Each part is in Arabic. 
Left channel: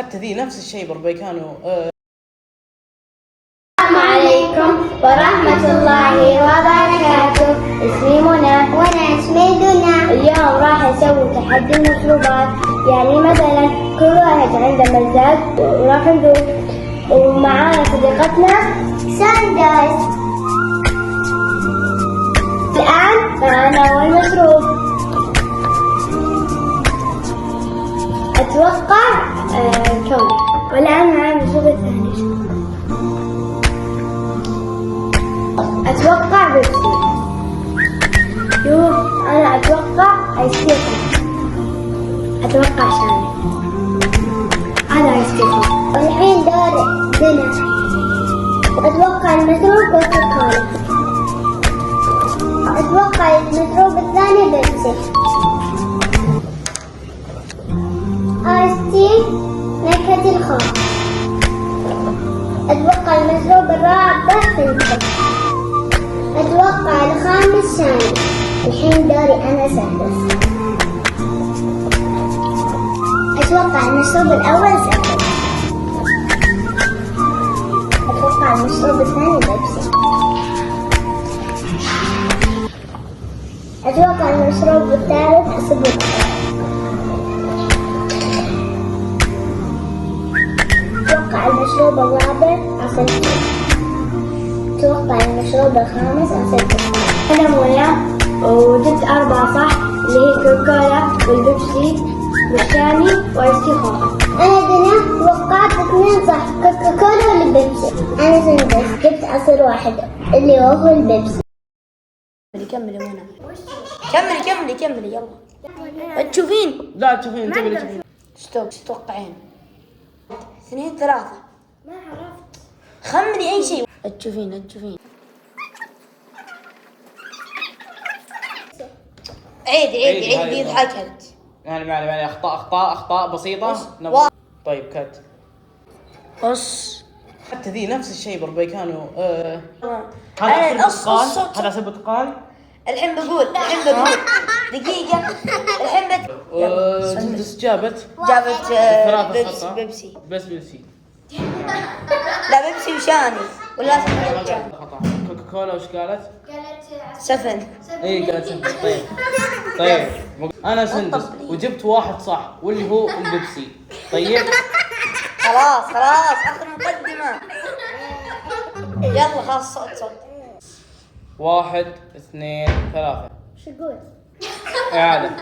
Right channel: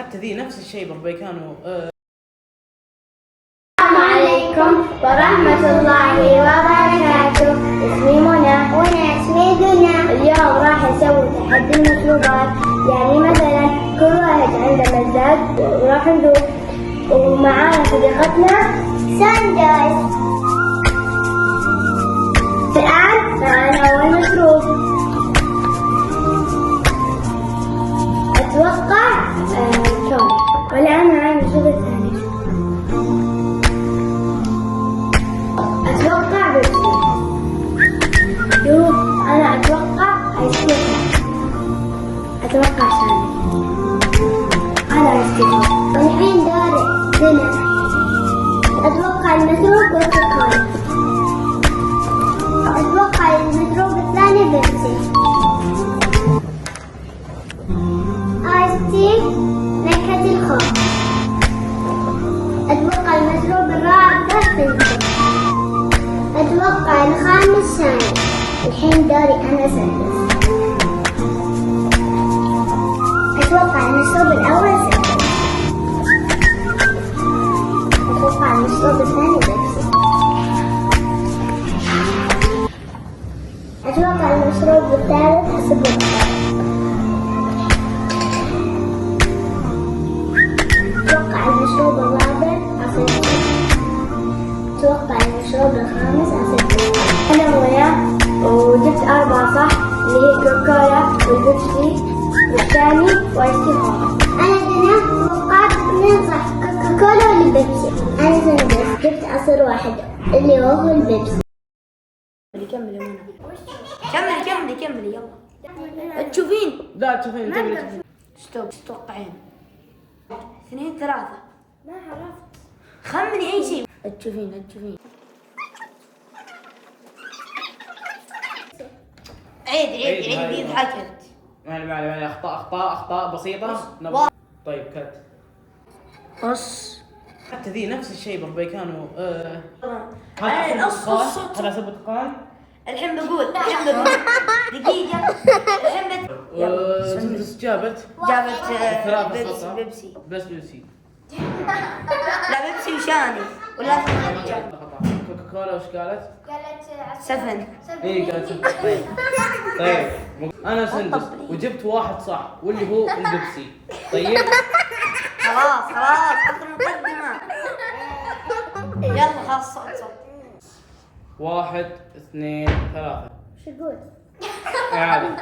حتى ذي نفس الشيء بربي كانوا. السلام عليكم ورحمة الله وبركاته. اسمي منى. وانا اسمي دنيا. اليوم راح اسوي تحدي المشروبات، يعني مثلا كل واحد عنده مزاج وراح نذوق، ومعانا صديقتنا ساندرز. الآن معانا أول مشروب، أتوقع كم. والآن معانا المشروب الثاني، أتوقع بيبسي. أنا أتوقع آيس كريم. أتوقع شامي. هذا آيس كريم. والحين دور دنا. أتوقع المشروب كوكاكولا. أتوقع المشروب الثاني بيبسي. آيس تي نكهة الخوخ. أتوقع المشروب الرابع فانتا. أتوقع الخامس شاي. الحين دوري أنا سادس. أتوقع المشروب الأول سادس. أتوقع المشروب الثاني بيبسي. أتوقع المشروب الثالث سبوبة. أتوقع المشروب الرابع عسل. أتوقع المشروب الخامس عسل. أنا منى وجبت 4 صح، اللي هي كوكولا والبيبسي والشامي وآيس كريم. أنا دنا توقعت 2 صح، كوكاكولا والبيبسي. أنا سندس جبت عصير واحد اللي هو البيبسي. كملي منى، كملي يلا. تشوفين؟ لا تشوفين تقولي. ستوب. ايش تتوقعين؟ 2 3. ما عرفت. خمني اي شيء. تشوفين عيد ضحكت. يعني اخطاء بسيطه. طيب كت. قص. حتى ذي نفس الشيء بربي كانوا. أنا هذا سبت قال. الحين بقول دقيقة. الحين سندس جابت بيبسي. بس بيبسي. لا بيبسي وشاني ولا شاني. كوكاكولا وش قالت؟ سفن. اي قالت سندس. طيب انا سندس وجبت 1 صح واللي هو البيبسي. طيب خلاص اخر مقدمة. يلا خلاص صوت. 1 2 3. شو تقول؟ هذا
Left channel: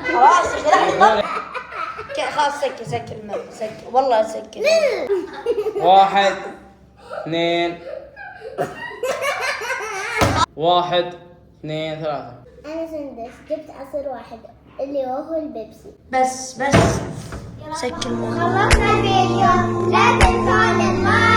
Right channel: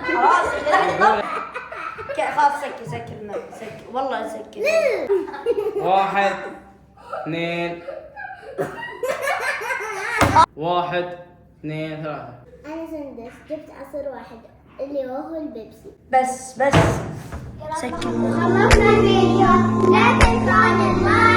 خلاص سكر الماء والله سكر. 1 2 1 2 3. أنا سندس جبت عصير واحد اللي هو البيبسي. بس سكر الماء. خلصنا الفيديو، لا تنسوا